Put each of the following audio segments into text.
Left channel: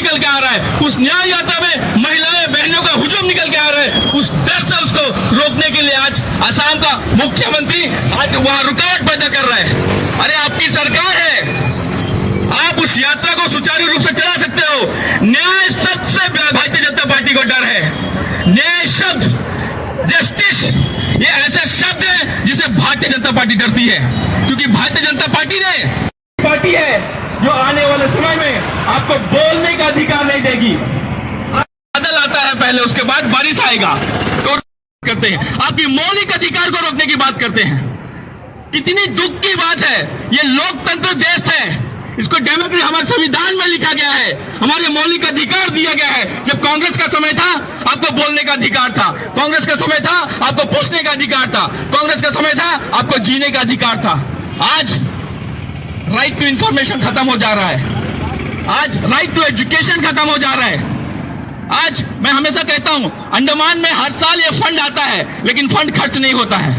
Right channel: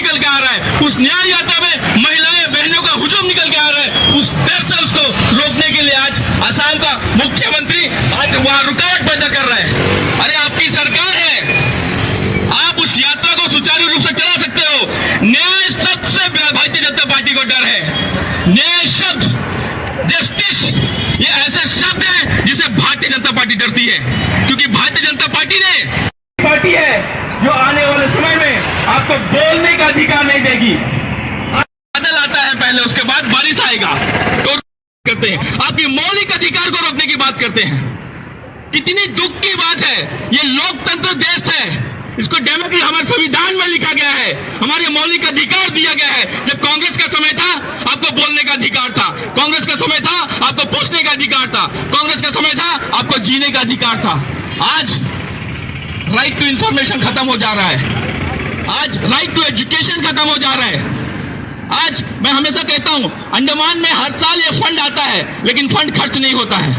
निकल के आ रहा है, उस न्याय यात्रा में महिलाएं बहनों का हुजूम निकल के आ रहा है, उस डर से उसको रोकने के लिए आज असम का मुख्यमंत्री आज वहां रुकावट पैदा कर रहा है। अरे आपकी सरकार है, आप उस यात्रा को सुचारू रूप से चला सकते हो। न्याय सबसे भारतीय जनता पार्टी को डर है। न्याय शब्द, जस्टिस, ये ऐसे शब्द है जिसे भारतीय जनता पार्टी डरती है, क्योंकि भारतीय जनता पार्टी है जो आने वाले समय में आपको बोलने का अधिकार नहीं देगी। बादल आता है पहले, उसके बाद बारिश आएगा, तो करते हैं आपकी मौलिक अधिकार को रोकने की बात करते हैं। कितनी दुख की बात है, ये लोकतंत्र देश है, इसको डेमोक्रेसी हमारे संविधान में लिखा गया है, हमारे मौलिक अधिकार दिया गया है। जब कांग्रेस का समय था आपको बोलने का अधिकार था, कांग्रेस का समय था आपको पूछने का अधिकार था, कांग्रेस का समय था आपको जीने का अधिकार था। आज राइट टू इंफॉर्मेशन खत्म हो जा रहा है, आज राइट टू एजुकेशन खत्म हो जा रहा है। आज मैं हमेशा कहता हूं, अंडमान में हर साल ये फंड आता है लेकिन फंड खर्च नहीं होता है।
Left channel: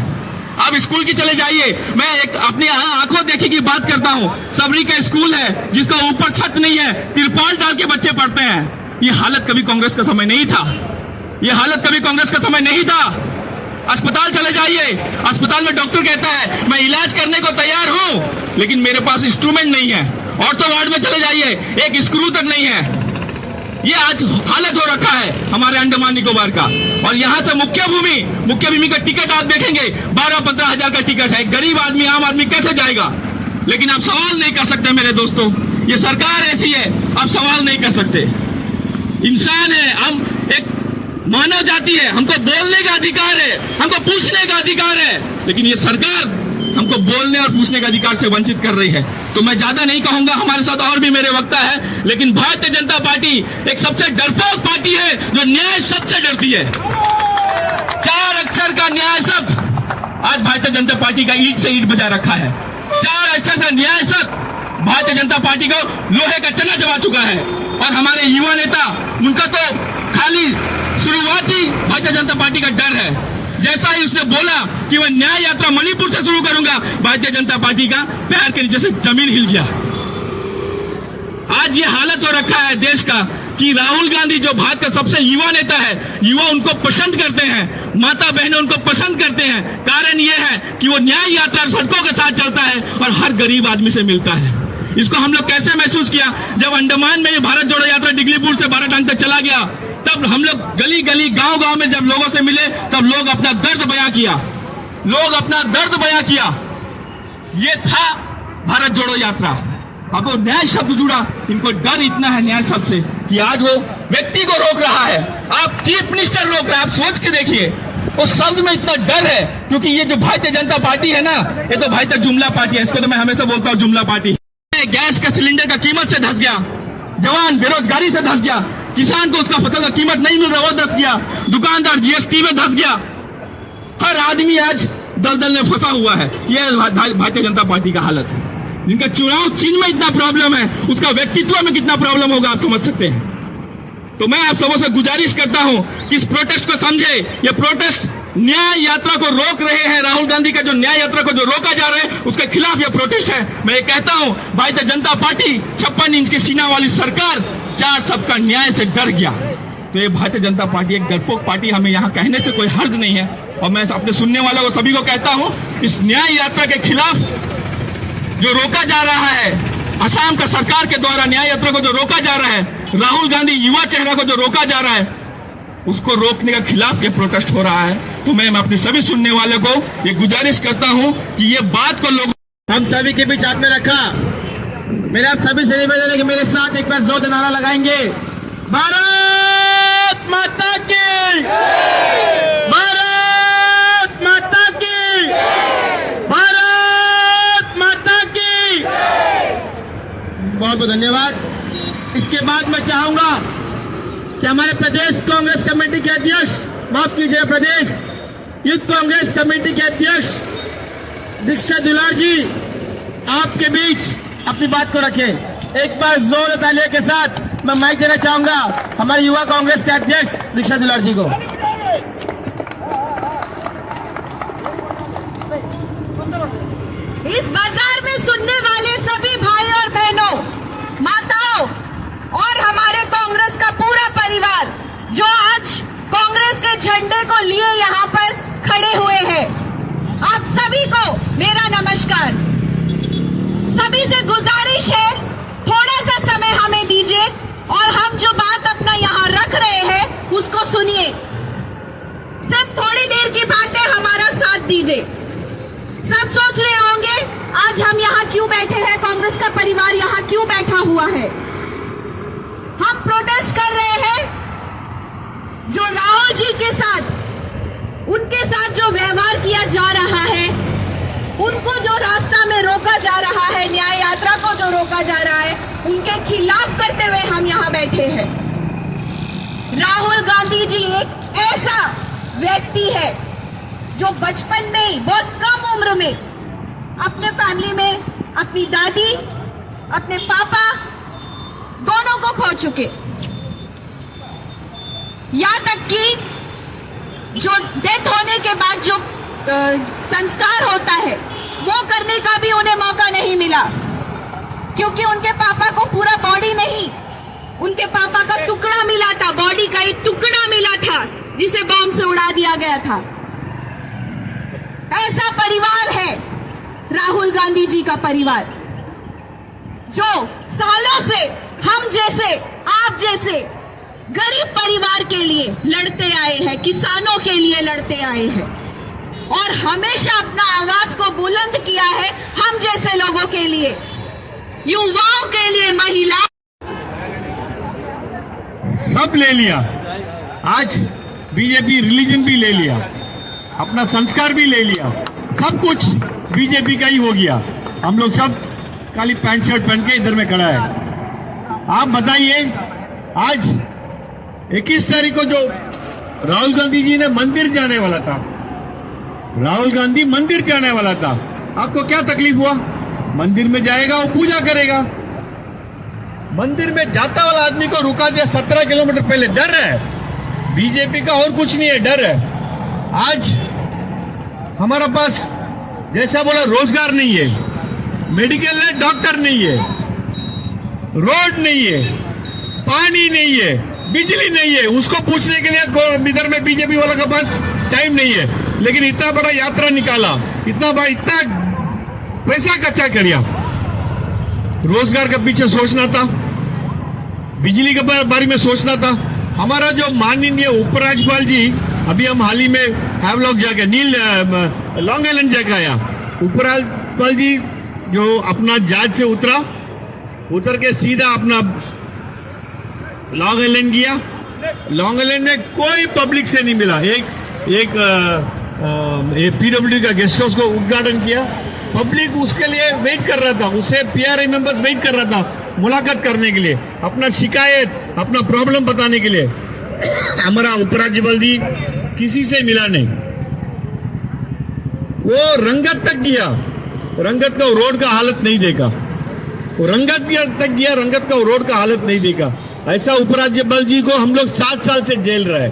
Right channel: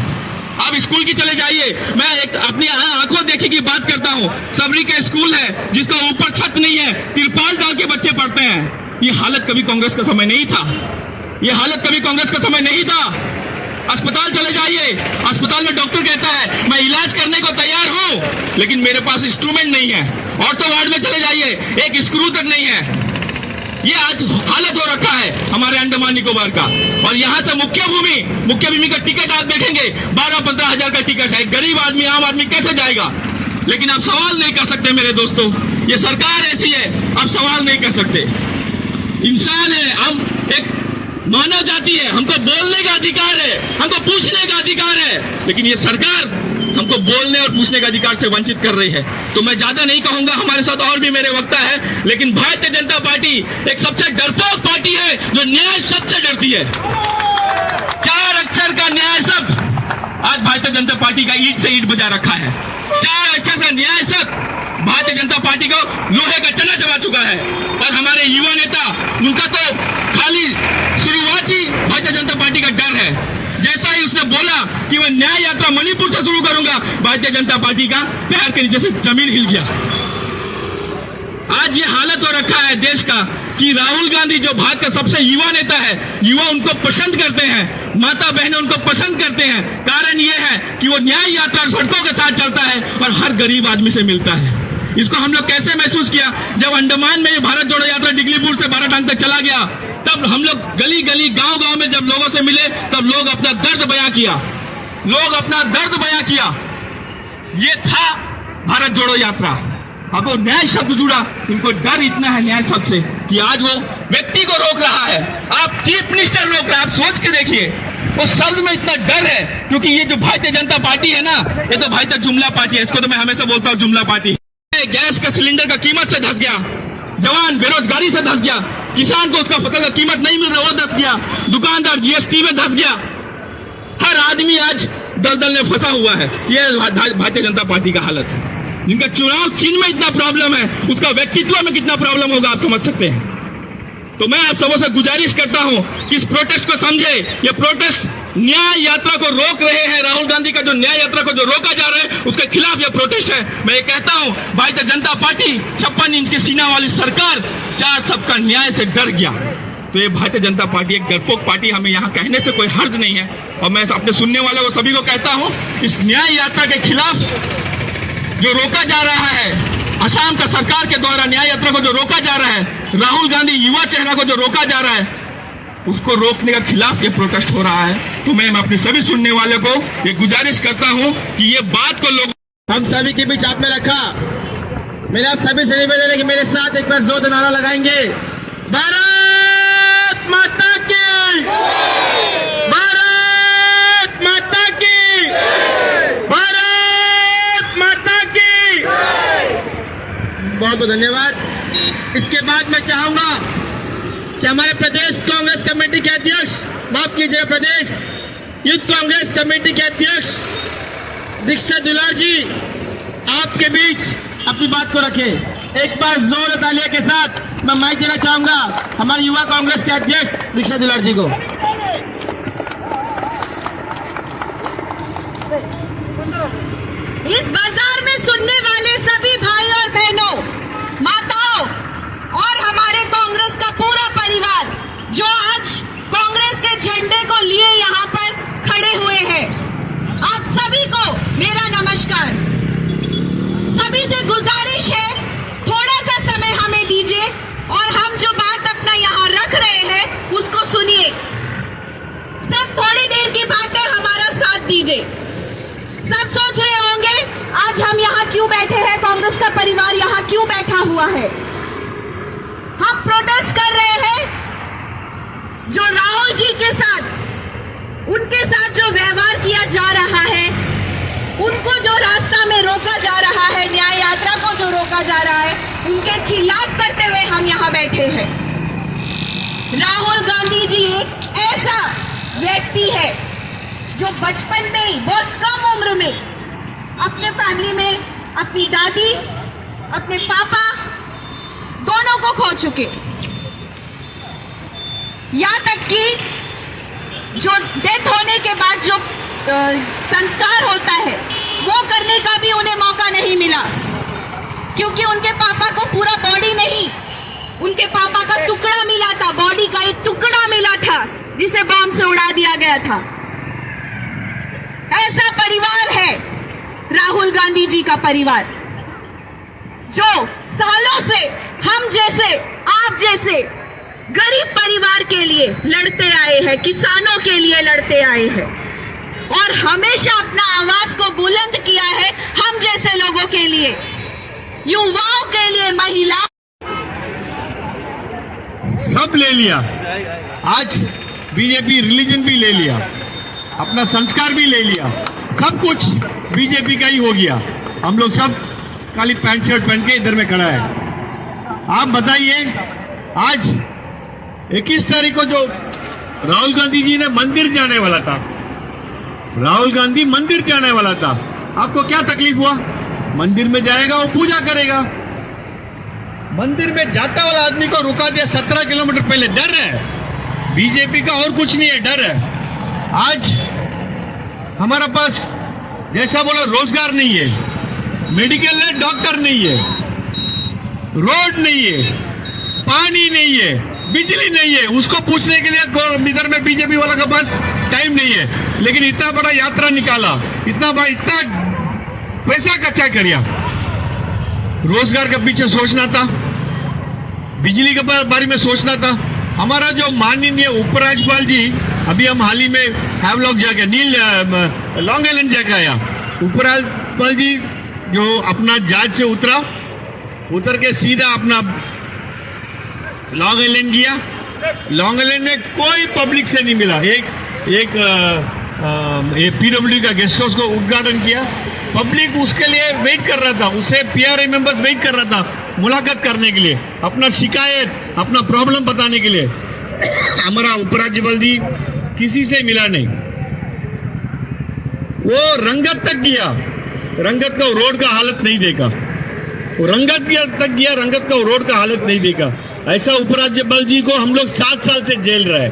आप स्कूल की चले जाइए, मैं एक अपनी आंखों देखी की बात करता हूं, सबरी का स्कूल है जिसका ऊपर छत नहीं है, तिरपाल डाल के बच्चे पढ़ते हैं। ये हालत कभी कांग्रेस का समय नहीं था, ये हालत कभी कांग्रेस का समय नहीं था। अस्पताल चले जाइए, अस्पताल में डॉक्टर कहता है मैं इलाज करने को तैयार हूं लेकिन मेरे पास इंस्ट्रूमेंट नहीं है। ऑर्थो वार्ड में चले जाइए, एक स्क्रू तक नहीं है। ये आज हालत हो रखा है हमारे अंडमान निकोबार का। और यहाँ से मुख्य भूमि का टिकट आप देखेंगे 12-15 हजार का टिकट है। गरीब आदमी, आम आदमी कैसे जाएगा? लेकिन आप सवाल नहीं कर सकते मेरे दोस्तों, ये सरकार ऐसी है, आप सवाल नहीं कर सकते। इंसान है हम, एक मानव जाति है, हमको बोलने का अधिकार है, हमको पूछने का अधिकार है, लेकिन ये सरकार हमको बोलने और पूछने का अधिकार से वंचित कर रही है। तो मैं ज्यादा नहीं कहूंगा, हमारे साथ और भी मेरे वक्ता है, लेकिन भारतीय जनता पार्टी एक सबसे डरपोक पार्टी है जो न्याय शब्द से डरती है। 4 अक्षर का न्याय शब्द आज भारतीय जनता पार्टी का ईंट से ईंट बजा रखा है। 4 अक्षर का न्याय शब्द भारतीय जनता पार्टी को लोहे का चना चबा चुका है। और हमारे युवा नेता, उनका तो खाली शुरुआती भारतीय जनता पार्टी का डर है। जैसा ही उसने बोला कि मैं न्याय यात्रा मणिपुर से शुरू करूंगा, भारतीय जनता पार्टी का पैर के नीचे से जमीन हिल गया। आज ये हालत हो रखा है देश का कि राहुल गांधी जो भारत का सबसे युवा नेता है, युवा उनको पसंद करते हैं, माता बहनें उनको पसंद करते हैं। कारण ये है कि वो न्याय यात्रा सड़कों के साथ चलता है और हर गरीब आदमी से मिलता है। इसको हम लोग कैसे महसूस किया जब अंडमान में भारत जोड़ो यात्रा डिगलीपुर से बाराटांग तक चला गया। तब हम लोग गली गली गांव गांव में जब लोगों से मिले, तब लोग अपना दर्द बयां किया, लोग अपना दर्द बयां किया। ये था भारत जोड़ो यात्रा। अब वो न्याय शब्द जुड़ा, इनको डर इतना है न्याय शब्द से कि आज वो व्यक्ति को रोक रहा है, आप चीफ मिनिस्टर रोक रहे हैं। आप सोच के देखिए, उस शब्द में इतना डर है, क्योंकि ये जो भारतीय जनता पार्टी है ना, ये तो भारतीय जुमला पार्टी है। इसको तो मैं हमेशा बोलता हूँ जुमला पार्टी। गैस का सिलेंडर का कीमत से धस गया, जवान बेरोजगारी से धस गया, किसान को उसका फसल का कीमत नहीं मिल रहा वो धस गया, दुकानदार जीएसटी में धस गया। हर आदमी आज दलदल में फंसा हुआ है। ये भारतीय जनता पार्टी का हालत है। जिनका चुनाव चिन्ह में इतना प्रॉब्लम है, उसका व्यक्तित्व में कितना प्रॉब्लम होगा आप समझ सकते हैं। तो मैं आप सबों से गुजारिश करता हूं कि इस प्रोटेस्ट को समझे। ये प्रोटेस्ट न्याय यात्रा को रोक रहे हैं, राहुल गांधी का जो न्याय यात्रा को जो रोका जा रहा है उसके खिलाफ ये प्रोटेस्ट है। मैं ये कहता हूं, भारतीय जनता पार्टी 56 इंच के सीना वाली सरकार 4 सबका न्याय से डर गया। तो ये भारतीय जनता पार्टी एक डरपोक पार्टी, हमें यहाँ कहने से कोई हर्ज नहीं है। और मैं अपने सुनने वालों को सभी को कहता हूं, इस न्याय यात्रा के खिलाफ जो रोका जा रहा है, असम का सरकार के द्वारा न्याय यात्रा को जो रोका जा रहा है, राहुल गांधी युवा चेहरा को जो रोका जा रहा है, उसको रोकने के खिलाफ ये प्रोटेस्ट हो रहा है। तो मैं अपने सभी सुनने वालों को ये गुजारिश करता हूं कि ये बात को लोग हम सभी के बीच हाथ में रखा। मेरा आप सभी से निवेदन है कि मेरे साथ एक बार जोर नारा लगाएंगे, भारत माता की, भारत माता की, भारत माता की। बहुत बहुत धन्यवाद। इसके बाद मैं चाहूंगा कि हमारे प्रदेश कांग्रेस कमेटी के अध्यक्ष, माफ कीजिएगा, प्रदेश यूथ कांग्रेस कमेटी के अध्यक्ष दीक्षा दुलार जी आपके बीच अपनी बात को रखें। एक बार जोर तालियों के साथ मैं माइक देना चाहूंगा हमारे युवा कांग्रेस के अध्यक्ष दीक्षा दुलार जी को। इस बाजार में सुनने वाले सभी भाई और बहनों, माताओं और हमारे मेरा नमस्कार। सभी से गुजारिश है, थोड़ा सा समय हमें दीजिए और हम जो बात अपना यहाँ रख रहे हैं उसको सुनिए। सिर्फ थोड़ी देर की बात है, हमारा साथ दीजिए। सब सोच रहे होंगे आज हम यहाँ क्यों बैठे हैं, कांग्रेस का परिवार यहाँ क्यों बैठा हुआ है। हम प्रोटेस्ट कर रहे हैं जो राहुल जी के साथ, उनके साथ जो व्यवहार किया जा रहा है, उनको जो रास्ता में रोका जा रहा है, न्याय यात्रा को जो रोका जा रहा है, उनके खिलाफ करते हुए हम यहाँ बैठे हैं। राहुल गांधी जी एक ऐसा व्यक्ति है जो बचपन में ही, बहुत कम उम्र में, अपने फैमिली में अपनी दादी, अपने पापा दोनों को खो चुके। यहाँ तक कि जो डेथ होने के बाद जो संस्कार होता है वो करने का भी उन्हें मौका नहीं मिला, क्योंकि उनके पापा को पूरा बॉडी नहीं, उनके पापा का टुकड़ा मिला था, बॉडी का एक टुकड़ा मिला था जिसे बम से उड़ा दिया गया था। ऐसा परिवार है राहुल गांधी जी का परिवार, जो सालों से हम जैसे, आप जैसे गरीब परिवार के लिए लड़ते आए हैं, किसानों के लिए लड़ते आए हैं और हमेशा अपना आवाज को बुलंद किया है हम जैसे लोगों के लिए, युवाओं के लिए, महिलाओं। सब ले लिया। आज बीजेपी रिलीजन भी ले लिया, अपना संस्कार भी ले लिया, सब कुछ बीजेपी का ही हो गया। हम लोग सब काली पैंट शर्ट पहन के इधर में खड़ा है। आप बताइए, आज 21 तारीख को जो राहुल गांधी जी ने मंदिर जाने वाला था, राहुल गांधी मंदिर जाने वाला था, आपको क्या तकलीफ हुआ? मंदिर में जाएगा, वो पूजा करेगा। मंदिर में जाता वाला आदमी को रुका दिया 17 किलोमीटर पहले। डर है बीजेपी का, और कुछ नहीं है, डर है। आज हमारा पास जैसा बोला रोजगार नहीं है, मेडिकल है, डॉक्टर नहीं है, रोड नहीं है, पानी नहीं है, बिजली नहीं है, उसको पूछने के लिए इधर में बीजेपी वाला के पास टाइम नहीं है। लेकिन इतना बड़ा यात्रा निकाला, इतना पैसा कच्चा किया। रोजगार के पीछे सोचना था, बिजली के बारे में सोचना था। हमारा जो माननीय उपराज्यपाल जी, अभी हम हाल ही में हैवलॉक जाके लॉन्ग आइलैंड जाके आया। उपराज्यपाल जी जो अपना जहाज से उतर के सीधा अपना लॉन्ग आइलैंड गया। लॉन्ग आइलैंड में कोई पब्लिक से नहीं मिला। एक पीडब्ल्यूडी का गेस्ट हाउस को उद्घाटन किया, पब्लिक उसके लिए वेट कर रहा था, उसे पीआरआई मेंबर्स वेट कर रहा था मुलाकात करने के लिए, अपना शिकायत, अपना प्रॉब्लम बताने के लिए। हमारा उपराज्यपाल जी किसी से मिला नहीं। वो रंगत तक गया, रंगत का रोड का हालत नहीं देखा। वो रंगत तक गया, रंगत का रोड का हालत नहीं देखा। ऐसा उपराज्यपाल जी को हम लोग 7 साल से जेल रहे।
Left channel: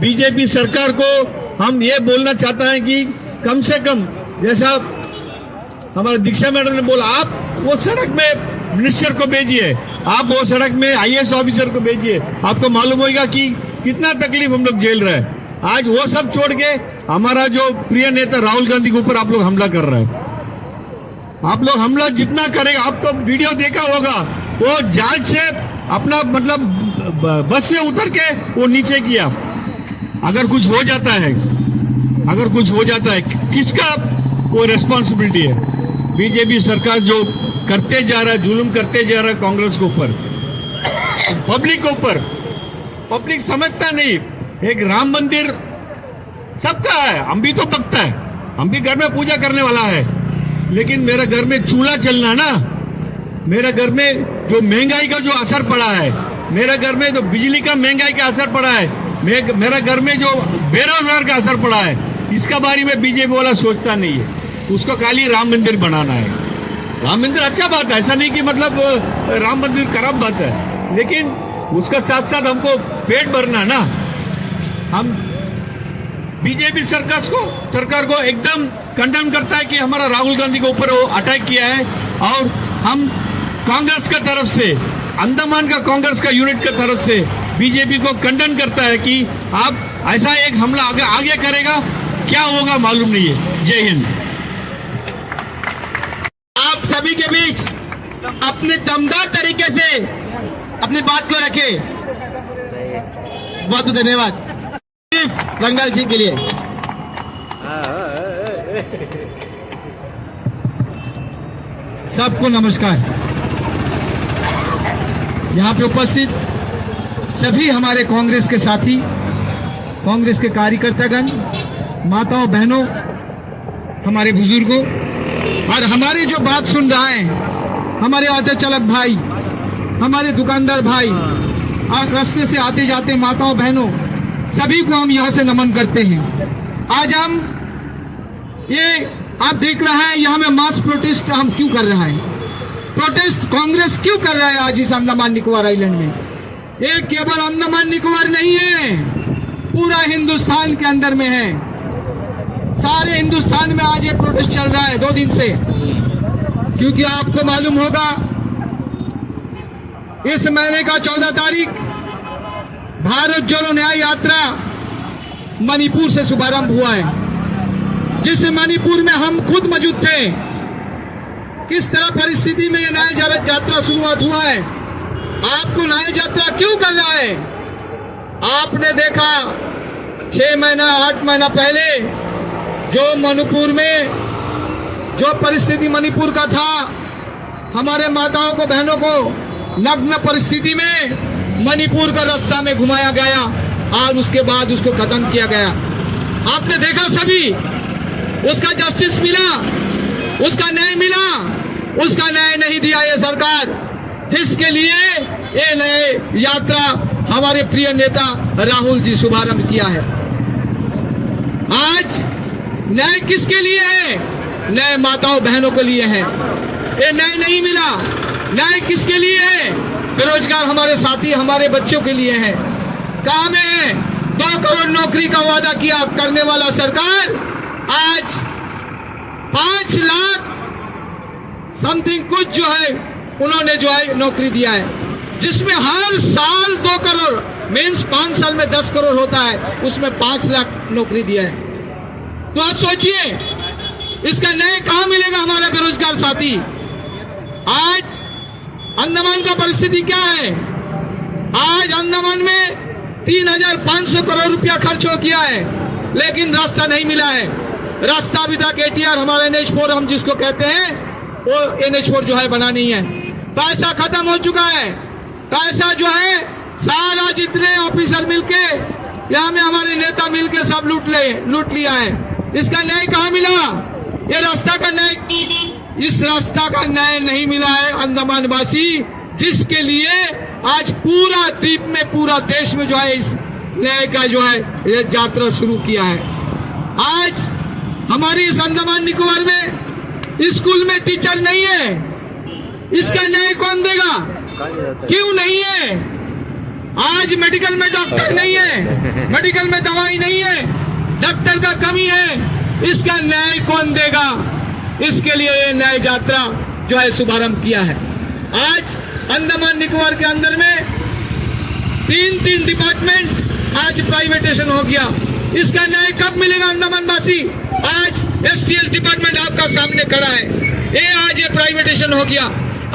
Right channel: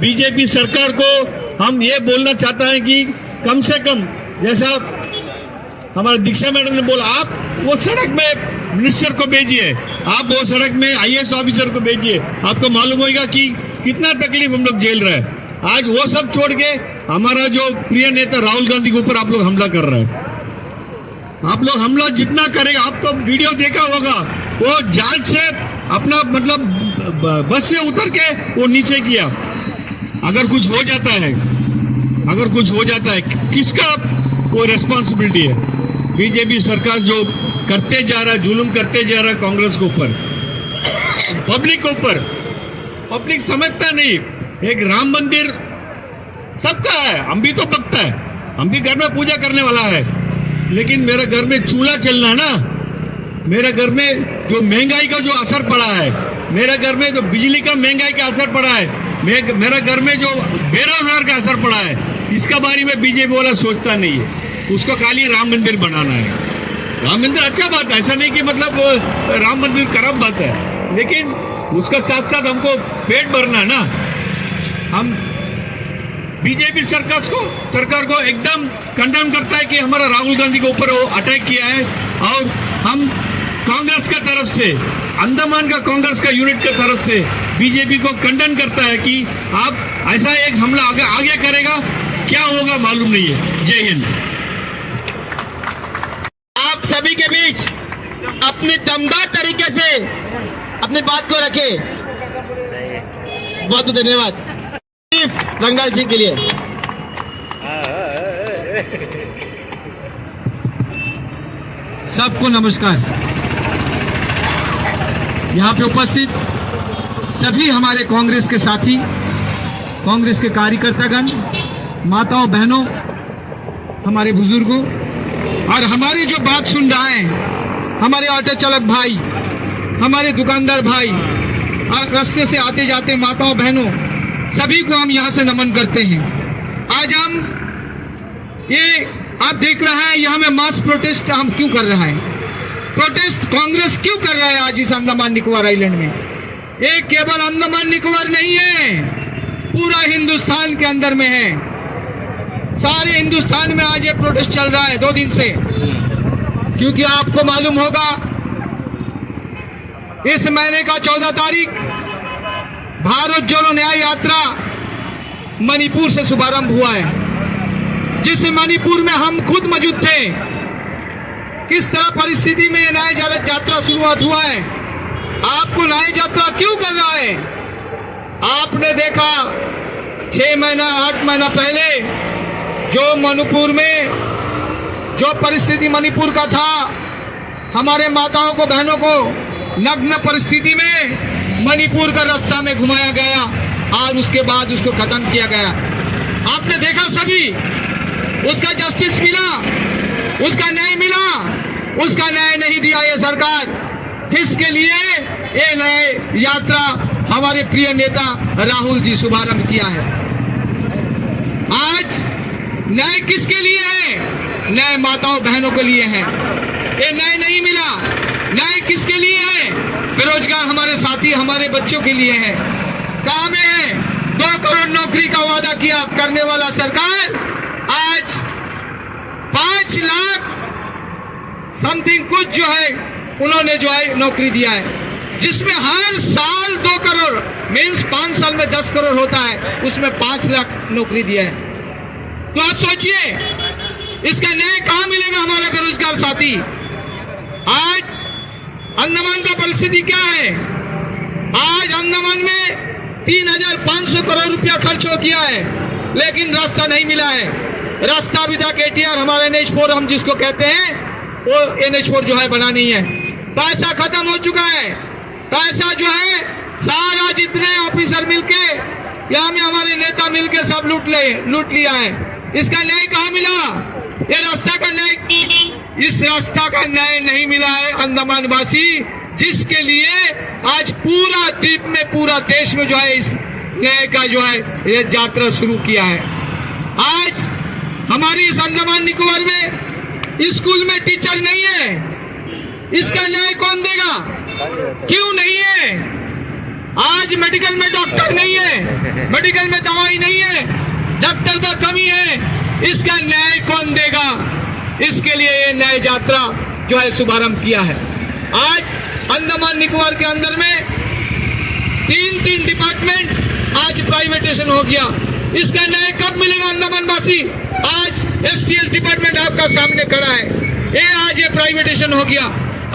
बीजेपी सरकार को हम ये बोलना चाहता है कि कम से कम, जैसा हमारे दीक्षा मैडम ने बोला, आप वो सड़क में मिनिस्टर को भेजिए, आप वो सड़क में आईएएस ऑफिसर को भेजिए, आपको मालूम होगा कि कितना तकलीफ हम लोग झेल रहे हैं। आज वो सब छोड़ के हमारा जो प्रिय नेता राहुल गांधी के ऊपर आप लोग हमला कर रहे हैं। आप लोग हमला जितना करेगा, आप तो वीडियो देखा होगा, वो जहाज से अपना मतलब बस से उतर के वो नीचे किया। अगर कुछ हो जाता है, अगर कुछ हो जाता है, किसका वो रेस्पॉन्सिबिलिटी है? बीजेपी सरकार जो करते जा रहा है, जुल्म करते जा रहा है कांग्रेस के ऊपर, पब्लिक के ऊपर। पब्लिक समझता नहीं, एक राम मंदिर सबका है, हम भी तो पकता है, हम भी घर में पूजा करने वाला है, लेकिन मेरे घर में चूल्हा चलना ना, मेरे घर में जो महंगाई का जो असर पड़ा है, मेरे घर में जो बिजली का महंगाई का असर पड़ा है, मेरे घर में जो बेरोजगार का असर पड़ा है, इसका बारे में बीजेपी वाला सोचता नहीं है। उसको खाली राम मंदिर बनाना है। राम मंदिर अच्छा बात है, ऐसा नहीं कि मतलब राम मंदिर खराब बात है, लेकिन उसका साथ साथ हमको पेट भरना ना। हम बीजेपी सरकार को एकदम कंडेम करता है कि हमारा राहुल गांधी के ऊपर वो अटैक किया है, और हम कांग्रेस की तरफ से, अंडमान का कांग्रेस का यूनिट की तरफ से बीजेपी को कंडेम करता है कि आप ऐसा एक हमला आगे करेगा, क्या होगा मालूम नहीं है। जय हिंद। अपने दमदार तरीके से अपनी बात को रखे। बहुत बहुत धन्यवाद रंगाल जी के लिए। सबको नमस्कार। यहाँ पे उपस्थित सभी हमारे कांग्रेस के साथी, कांग्रेस के कार्यकर्तागण, माताओं बहनों, हमारे बुजुर्गों और हमारी जो बात सुन रहा है, हमारे ऑटो चालक भाई, हमारे दुकानदार भाई और रास्ते से आते जाते माताओं बहनों, सभी को हम यहाँ से नमन करते हैं। आज हम ये आप देख रहे हैं यहाँ में मास प्रोटेस्ट हम क्यों कर रहा है, प्रोटेस्ट कांग्रेस क्यों कर रहा है आज इस अंडमान निकोबार आइलैंड में। ये केवल अंडमान निकोबार नहीं है, पूरा हिंदुस्तान के अंदर में है, सारे हिंदुस्तान में आज ये प्रोटेस्ट चल रहा है 2 दिन से। क्योंकि आपको मालूम होगा इस महीने का 14 तारीख भारत जोड़ो न्याय यात्रा मणिपुर से शुभारंभ हुआ है, जिस मणिपुर में हम खुद मौजूद थे। किस तरह परिस्थिति में ये न्याय यात्रा शुरुआत हुआ है। आपको न्याय यात्रा क्यों कर रहा है, आपने देखा 6 महीना 8 महीना पहले जो मणिपुर में जो परिस्थिति मणिपुर का था, हमारे माताओं को बहनों को नग्न परिस्थिति में मणिपुर का रास्ता में घुमाया गया और उसके बाद उसको खत्म किया गया। आपने देखा सभी, उसका जस्टिस मिला, उसका न्याय मिला, उसका न्याय नहीं दिया ये सरकार, जिसके लिए ये न्याय यात्रा हमारे प्रिय नेता राहुल जी शुभारंभ किया है। आज न्याय किसके लिए है, न्याय माताओं बहनों के लिए है। ये न्याय नहीं मिला, न्याय किसके लिए है, बेरोजगार हमारे साथी हमारे बच्चों के लिए है। कहाँ में है 2 करोड़ नौकरी का वादा किया करने वाला सरकार, आज 5 लाख समथिंग कुछ जो है उन्होंने जो है नौकरी दिया है, जिसमें हर साल 2 करोड़ मीन्स 5 साल में 10 करोड़ होता है, उसमें 5 लाख नौकरी दिया है। तो आप सोचिए इसका न्याय कहाँ मिलेगा हमारा बेरोजगार साथी। आज अंडमान का परिस्थिति क्या है, आज अंडमान में 3,500 करोड़ रुपया खर्च हो गया है, लेकिन रास्ता नहीं मिला है। रास्ता अभी तक ATR हमारे NH4 हम जिसको कहते हैं वो NH4 जो है बना नहीं है। पैसा खत्म हो चुका है, पैसा जो है सारा जितने ऑफिसर मिलके यहाँ में हमारे नेता मिलके सब लूट लिया है। इसका न्याय कहाँ मिला, ये रास्ता का न्याय, इस रास्ता का न्याय नहीं मिला है अंडमान वासी, जिसके लिए आज पूरा द्वीप में पूरा देश में जो है इस न्याय का जो है ये यात्रा शुरू किया है। आज हमारी इस अंडमान निकोबार में स्कूल में टीचर नहीं है, इसका न्याय कौन देगा, क्यों नहीं है। आज मेडिकल में डॉक्टर नहीं है, मेडिकल में दवाई नहीं है, डॉक्टर का कमी है, इसका न्याय कौन देगा। इसके लिए ये न्याय यात्रा जो है शुभारंभ किया है। आज अंडमान निकोबार के अंदर में 3 डिपार्टमेंट आज प्राइवेटेशन हो गया, इसका न्याय कब मिलेगा अंडमान वासी। आज STS डिपार्टमेंट आपका सामने खड़ा है, ये आज ये प्राइवेटेशन हो गया।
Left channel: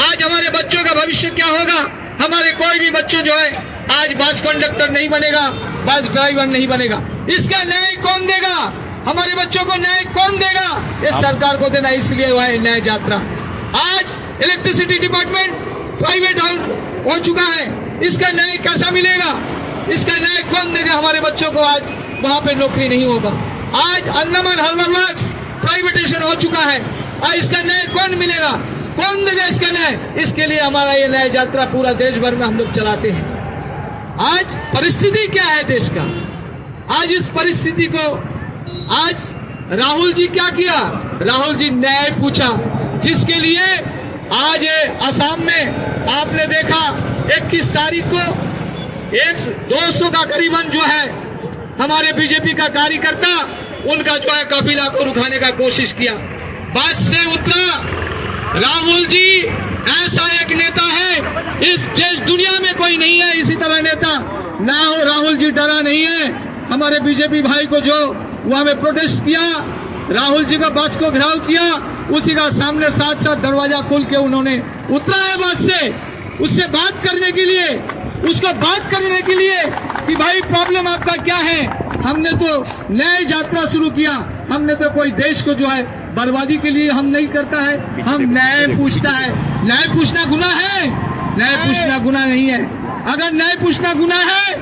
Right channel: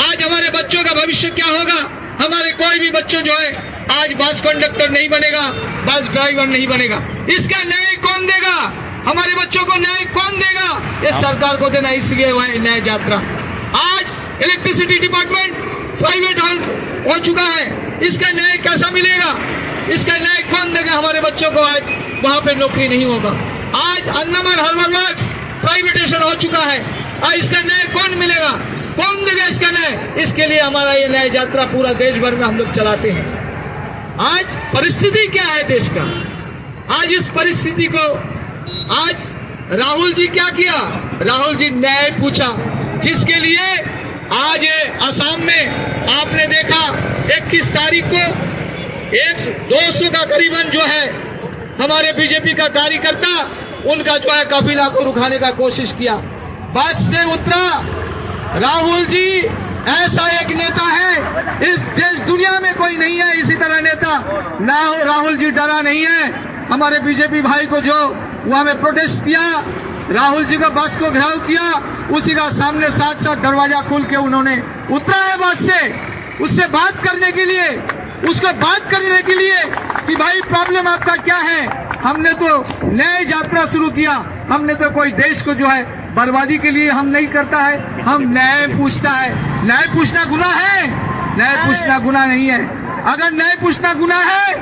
आज हमारे बच्चों का भविष्य क्या होगा, हमारे कोई भी बच्चे जो है आज बस कंडक्टर नहीं बनेगा, बस ड्राइवर नहीं बनेगा, इसका न्याय कौन देगा, हमारे बच्चों को न्याय कौन देगा, ये सरकार को देना। इसलिए हुआ है न्याय यात्रा। आज इलेक्ट्रिसिटी डिपार्टमेंट प्राइवेट हो चुका है, इसका न्याय कैसा मिलेगा, इसका न्याय कौन देगा, हमारे बच्चों को आज वहां पे नौकरी नहीं होगा। आज अंडमान हार्बर वर्क्स प्राइवेटेशन हो चुका है, आज इसका न्याय कौन मिलेगा, कौन देगा इसका न्याय। इसके लिए हमारा ये न्याय यात्रा पूरा देश भर में हम लोग चलाते हैं। आज परिस्थिति क्या है देश का, आज इस परिस्थिति को आज राहुल जी क्या किया, राहुल जी न्याय पूछा, जिसके लिए आज असम में आपने देखा 21 तारीख को 200 का करीबन जो है हमारे बीजेपी का कार्यकर्ता उनका जो है काफिला को रुकाने का कोशिश किया, बस से उतरा। राहुल जी ऐसा एक नेता है, इस देश दुनिया में कोई नहीं है इसी तरह नेता ना हो। राहुल जी डरा नहीं है, हमारे बीजेपी भाई को जो वहां में प्रोटेस्ट किया, राहुल जी का बस को घेराव किया, उसी का सामने साथ साथ दरवाजा खोल के उन्होंने उतरा है बस से, उससे बात करने के लिए, उसको बात करने के लिए कि भाई प्रॉब्लम आपका क्या है। हमने तो न्याय यात्रा शुरू किया, हमने तो कोई देश को जो है बर्बादी के लिए हम नहीं करता है, हम न्याय पूछता है। न्याय पूछना गुनाह है? न्याय पूछना गुनाह नहीं है। अगर न्याय पूछना गुनाह है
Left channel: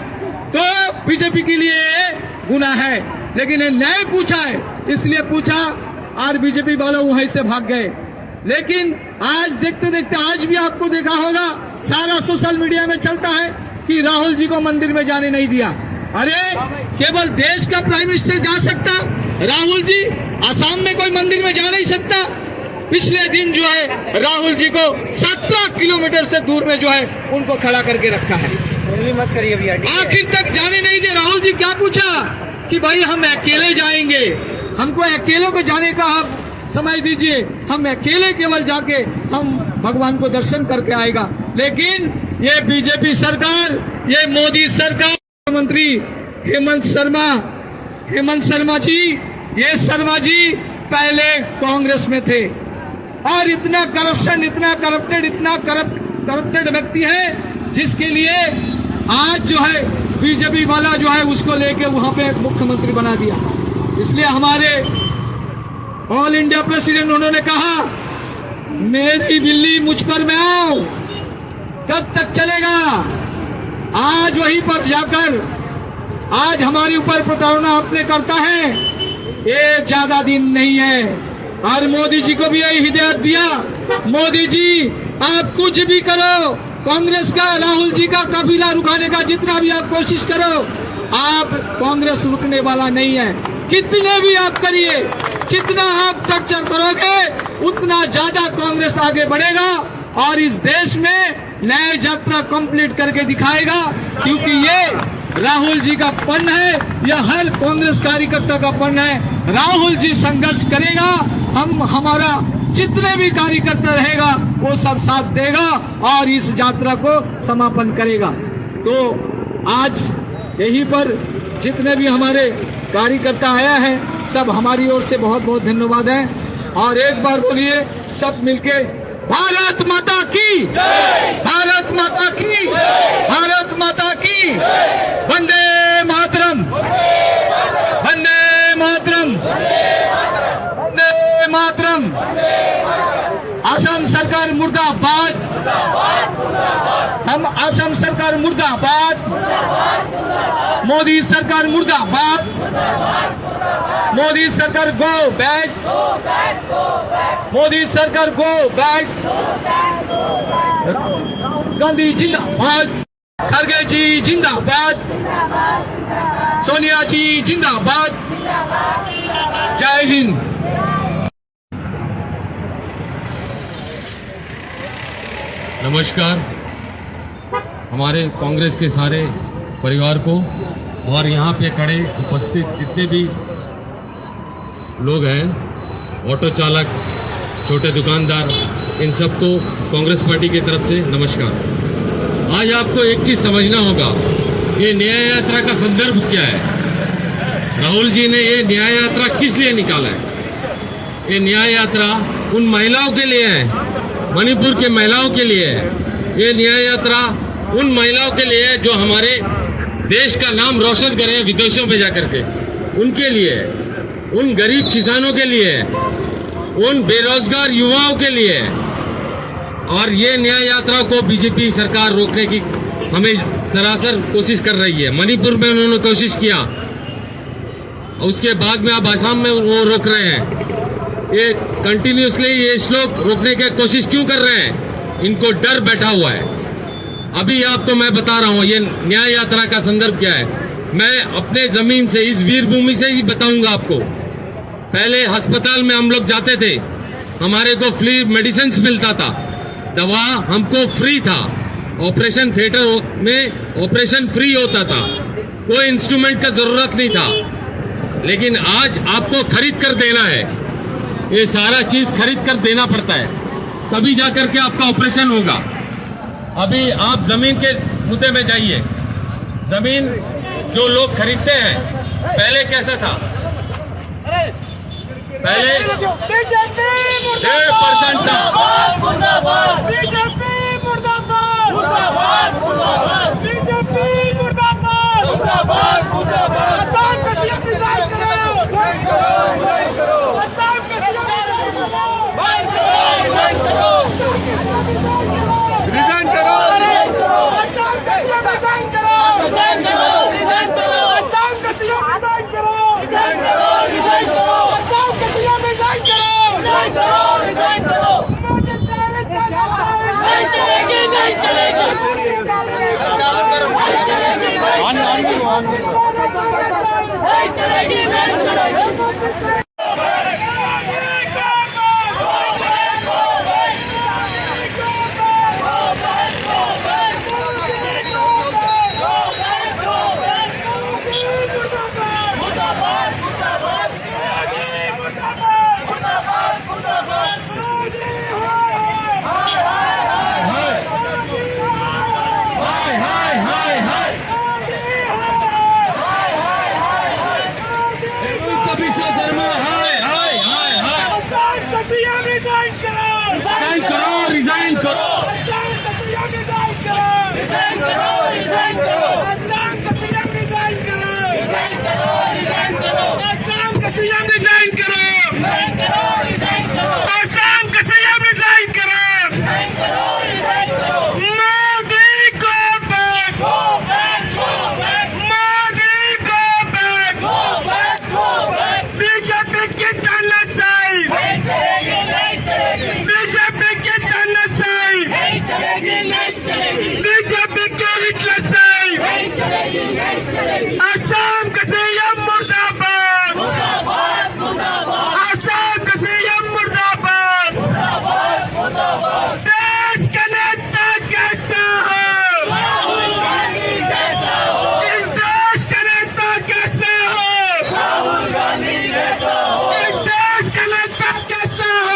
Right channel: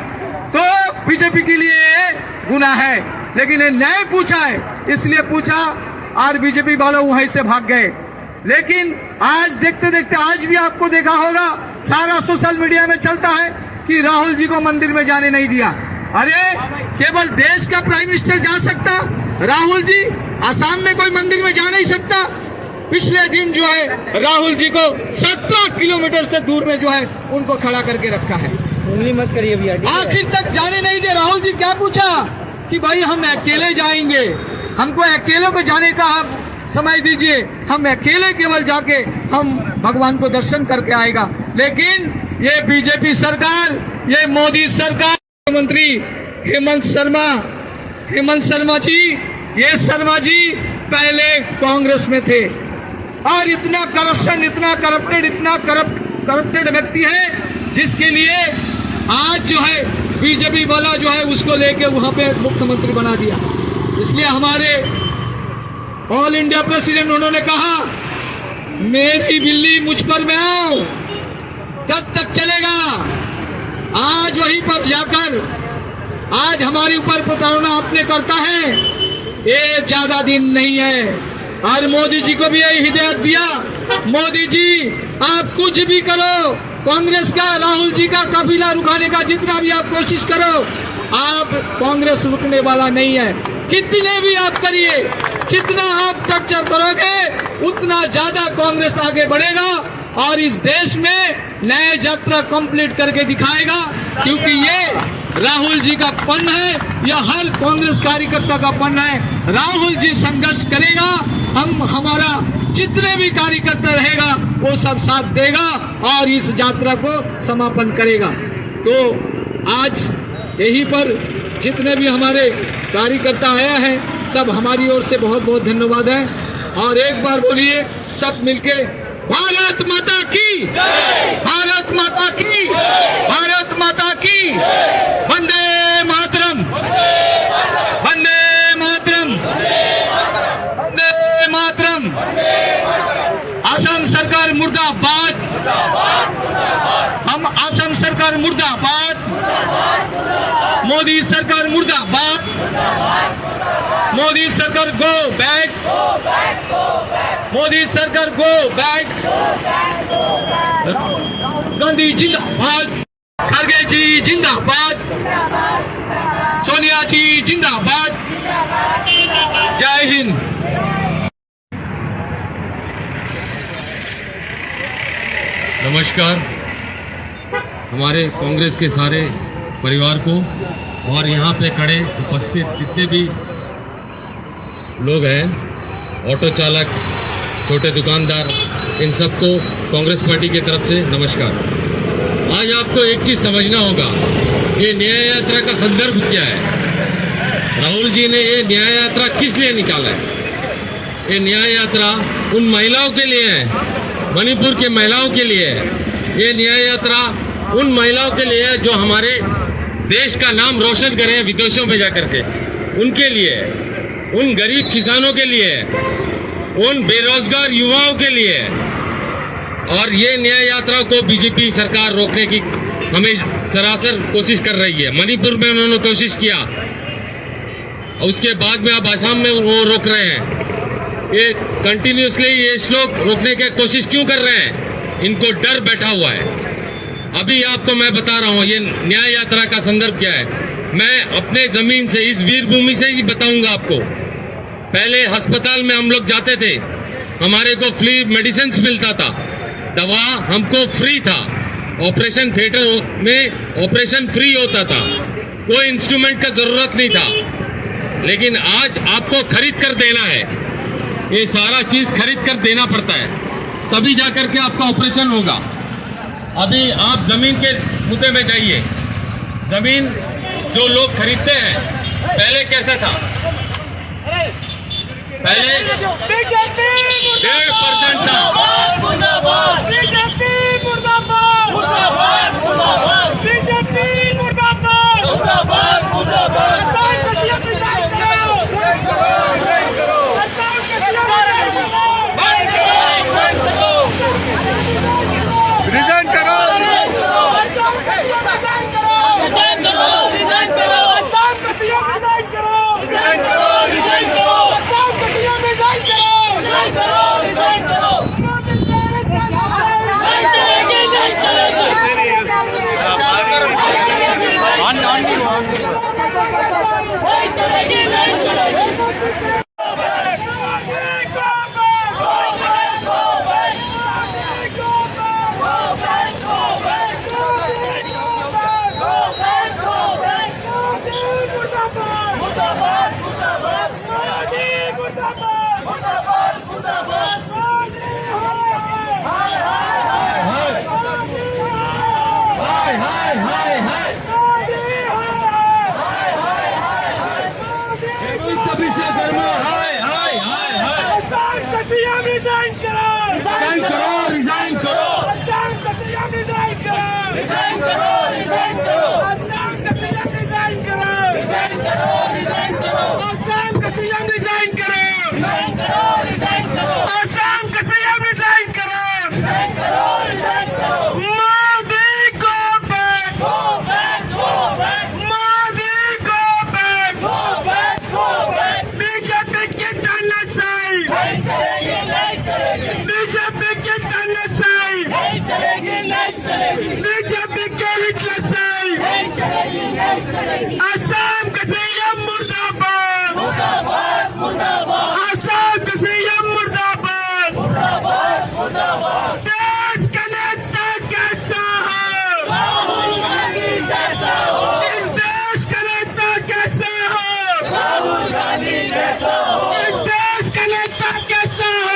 तो बीजेपी के लिए ये गुनाह है, लेकिन ये न्याय पूछा है, इसलिए पूछा और बीजेपी वालों वहीं से भाग गए। लेकिन आज देखते देखते आज भी आपको देखा होगा, सारा सोशल मीडिया में चलता है कि राहुल जी को मंदिर में जाने नहीं दिया। अरे केवल देश का प्राइम मिनिस्टर जा सकता, राहुल जी आसाम में कोई मंदिर में जा नहीं सकता। पिछले दिन जो है राहुल जी को 17 किलोमीटर से दूर में जो है उनको खड़ा करके रखा है। मत करिए भैया। आखिर तक जाने नहीं दे। राहुल जी क्या पूछा कि भाई हम अकेले जाएंगे, हमको अकेले को जाने का आप समय दीजिए, हम अकेले केवल जाके हम भगवान को दर्शन करके आएगा। लेकिन ये बीजेपी सरकार, ये मोदी सरकार, मंत्री हेमंत शर्मा जी, ये शर्मा जी पहले कांग्रेस में थे और इतना करप्शन, इतना करप्टेड व्यक्ति है जिसके लिए आज जो है बीजेपी वाला जो है उसको लेके वहां पे मुख्यमंत्री बना दिया। इसलिए हमारे ऑल इंडिया प्रेसिडेंट उन्होंने कहा मेरी बिल्ली मुझ पर में आओ, कब तक चलेगा। आज वहीं पर जाकर आज हमारे ऊपर प्रताड़ना आपने करता है, ये ज्यादा दिन नहीं है। और मोदी जी को भी यही हिदायत दिया, मोदी जी आप कुछ भी करो, कांग्रेस का, राहुल जी का काफिला रुकाने का जितना भी आप कोशिश करो, आप कांग्रेस रुकने वाला नहीं है। कितने भी आप करिए, जितना आप टर्चर करोगे उतना ज्यादा कांग्रेस आगे बढ़ेगा और इस देश में न्याय यात्रा कंप्लीट करके दिखाएगा। क्योंकि ये राहुल जी का पन है, यह हर कांग्रेस कार्यकर्ता का पन है। राहुल जी संघर्ष करेगा, हमारा जितने भी कार्यकर्ता रहेगा वो सब साथ देगा और इस यात्रा को समापन करेगा। तो आज यहीं पर जितने भी हमारे कार्यकर्ता आया है सब हमारी ओर से बहुत बहुत धन्यवाद है। और एक बार बोलिए सब मिलके भारत माता की, भारत माता की, भारत माता की, वंदे मातरम, वंदे मातरम, वंदे मातरम। असम सरकार मुर्दाबाद, हम असम सरकार मुर्दाबाद, मोदी सरकार मुर्दाबाद, मोदी सरकार गो बैक, मोदी सरकार गो बैक, गांधी जिंदाबाद, खड़गे जी जिंदाबाद, सोनिया जी जिंदाबाद। जय हिंद। नमस्कार हमारे कांग्रेस के सारे परिवार को और यहाँ पे खड़े उपस्थित जितने भी लोग हैं, ऑटो चालक, छोटे दुकानदार, इन सबको कांग्रेस पार्टी की तरफ से नमस्कार। आज आपको एक चीज समझना होगा, ये न्याय यात्रा का संदर्भ क्या है। राहुल जी ने ये न्याय यात्रा किस लिए निकाला है। ये न्याय यात्रा उन महिलाओं के लिए है, मणिपुर के महिलाओं के लिए है। ये न्याय यात्रा उन महिलाओं के लिए है जो हमारे देश का नाम रोशन करें विदेशों में जाकर के, उनके लिए है। उन गरीब किसानों के लिए है, उन बेरोजगार युवाओं के लिए है। और ये न्याय यात्रा को बीजेपी सरकार रोकने की हमें सरासर कोशिश कर रही है। मणिपुर में उन्होंने कोशिश किया, उसके बाद में अब आसाम में वो रोक रहे हैं। ये कंटिन्यूसली ये लोग रोकने की कोशिश क्यों कर रहे हैं, इनको डर बैठा हुआ है। अभी आपको मैं बता रहा हूँ ये न्याय यात्रा का संदर्भ क्या है। मैं अपने जमीन से, इस वीर भूमि से ही बताऊंगा आपको। पहले अस्पताल में हम लोग जाते थे, हमारे को फ्री मेडिसिन मिलता था, दवा हमको फ्री था, ऑपरेशन थिएटर में ऑपरेशन फ्री होता था, कोई इंस्ट्रूमेंट का जरूरत नहीं था। लेकिन आज आपको खरीद कर देना है, ये सारा चीज खरीद कर देना पड़ता है, तभी जाकर के आपका ऑपरेशन होगा। अभी आप जमीन के मुद्दे में जाइए, जमीन जो लोग खरीदते हैं, पहले कैसा था, पहले 1.5% था। बीजेपी मुर्दाबाद, मुर्दाबाद, मुर्दाबाद, बीजेपी मुर्दाबाद, मुर्दाबाद, मुर्दाबाद। किसान का सीएम रिजाइन करो, किसान का सीएम रिजाइन करो, किसान का सीएम रिजाइन करो, रिजाइन करो, रिजाइन करो, किसान का सीएम रिजाइन करो, रिजाइन करो, रिजाइन करो, किसान का सीएम रिजाइन करो, रिजाइन करो, रिजाइन करो। नहीं चलेगी, नहीं चलेगी, नहीं चलेगी, नहीं चलेगी। रिजाइन करो, रिजाइन करो, रिजाइन करो, रिजाइन करो, रिजाइन करो, रिजाइन करो, रिजाइन करो, रिजाइन करो, रिजाइन करो, आसाम का सीएम रिजाइन करो, रिजाइन करो, रिजाइन करो, आसाम का सीएम रिजाइन करो, रिजाइन करो, रिजाइन करो। Modi go back, go back, go back, Modi go back, go back, go back. BJP की तानाशाही नहीं चलेगी, नहीं चलेगी, बीजेपी की तानाशाही नहीं चलेगी, नहीं चलेगी, बीजेपी के हिटलरशाही नहीं चलेगी, नहीं चलेगी। आसाम का सीएम मुर्दाबाद, मुर्दाबाद, मुर्दाबाद, आसाम का सीएम मुर्दाबाद, मुर्दाबाद, मुर्दाबाद। देश का नेता कैसा हो, राहुल गांधी जैसा हो, इस देश का नेता कैसा हो, राहुल गांधी जैसा हो, इस देश का नेता कैसा हो,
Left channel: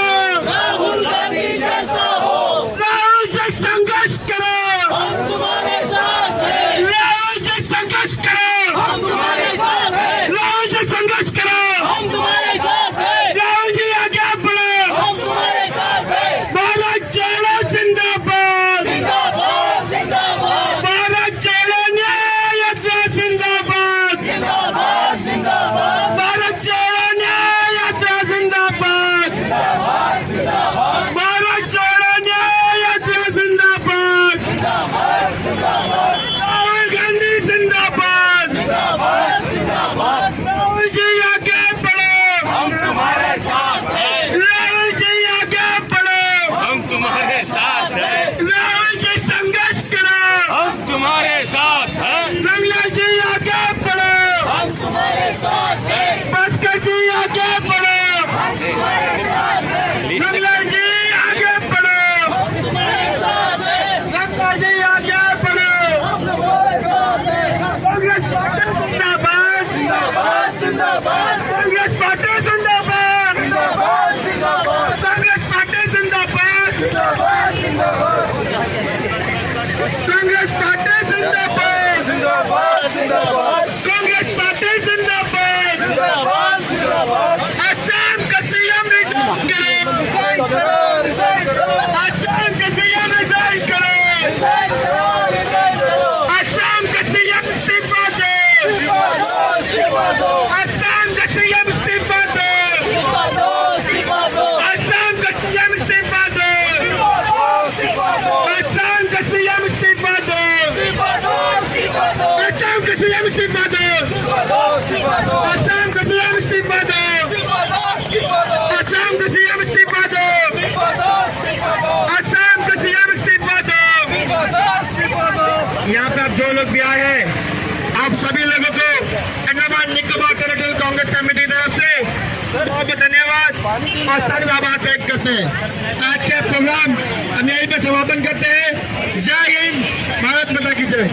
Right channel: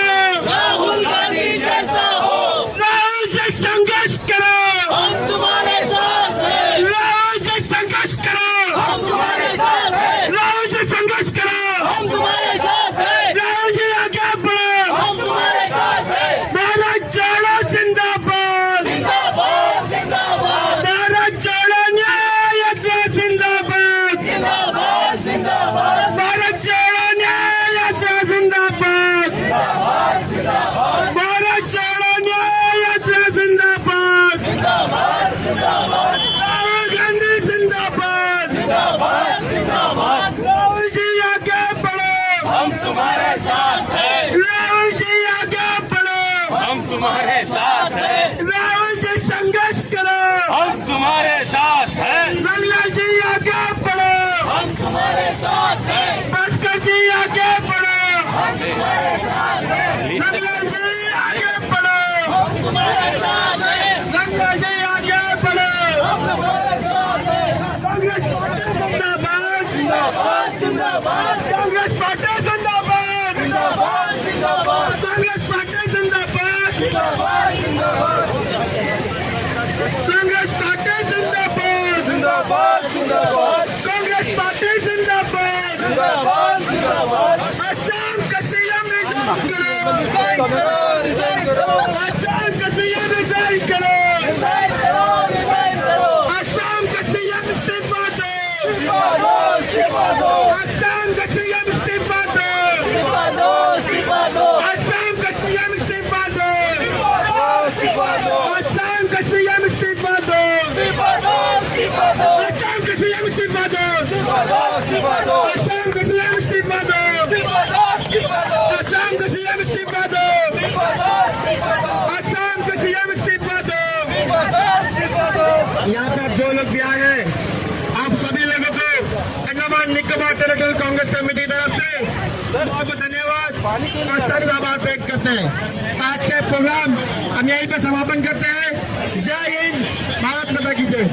राहुल गांधी जैसा हो। राहुल जी संघर्ष करो, हम तुम्हारे साथ हैं, राहुल जी संघर्ष करो, हम तुम्हारे साथ हैं, राहुल जी संघर्ष करो, हम तुम्हारे साथ हैं, राहुल जी आगे बढ़ो, हम तुम्हारे साथ हैं। भारत जोड़ो जिंदाबाद, जिंदाबाद, जिंदाबाद, भारत जोड़ो न्याय यात्रा जिंदाबाद, जिंदाबाद, जिंदाबाद, भारत जोड़ो न्याय यात्रा जिंदाबाद, जिंदाबाद, जिंदाबाद, भारत जोड़ो न्याय यात्रा जिंदाबाद, जिंदाबाद, जिंदाबाद, राहुल गांधी जिंदाबाद, जिंदाबाद, जिंदाबाद, राहुल जी आगे बढ़ो, हम तुम्हारे साथ हैं, राहुल जी आगे बढ़ो, हम तुम्हारे साथ हैं, राहुल जी संघर्ष करो, हम तुम्हारे साथ हैं, रंगला जी आगे बढ़ो, हम तुम्हारे साथ हैं, भास्कर जी आगे बढ़ो, हम तुम्हारे साथ हैं, रंगला जी आगे बढ़ो, हम तुम्हारे साथ हैं, रंगला जी आगे बढ़ो, हम तुम्हारे साथ हैं। कांग्रेस पार्टी जिंदाबाद, जिंदाबाद, जिंदाबाद, कांग्रेस पार्टी जिंदाबाद, जिंदाबाद, जिंदाबाद, कांग्रेस पार्टी जिंदाबाद, जिंदाबाद, जिंदाबाद, कांग्रेस पार्टी जिंदाबाद, जिंदाबाद, जिंदाबाद, कांग्रेस पार्टी जिंदाबाद, जिंदाबाद, जिंदाबाद। आसाम का सीएम रिजाइन करो, रिजाइन करो, रिजाइन करो, आसाम का सीएम रिजाइन करो, रिजाइन करो, रिजाइन करो, आसाम का सीएम इस्तीफा दो, इस्तीफा दो, आसाम का सीएम इस्तीफा दो, इस्तीफा दो, इस्तीफा दो, आसाम का सीएम इस्तीफा दो, इस्तीफा दो, आसाम का सीएम इस्तीफा दो, इस्तीफा दो, इस्तीफा दो, आसाम का सीएम इस्तीफा दो, इस्तीफा दो, इस्तीफा दो, आसाम का सीएम इस्तीफा दो, इस्तीफा दो, इस्तीफा दो, आसाम का सीएम इस्तीफा दो, इस्तीफा दो, इस्तीफा दो, आसाम का सीएम इस्तीफा दो, इस्तीफा दो, इस्तीफा दो। यहाँ पे आप जो लोग भी आए हैं, आप सभी लोगों को अंडमान निकोबार टेरिटोरियल कांग्रेस कमेटी की तरफ से बहुत बहुत धन्यवाद और सर आभार व्यक्त करते हैं। आज के प्रोग्राम हम यहीं पे समापन करते हैं। जय हिंद, भारत माता की जय।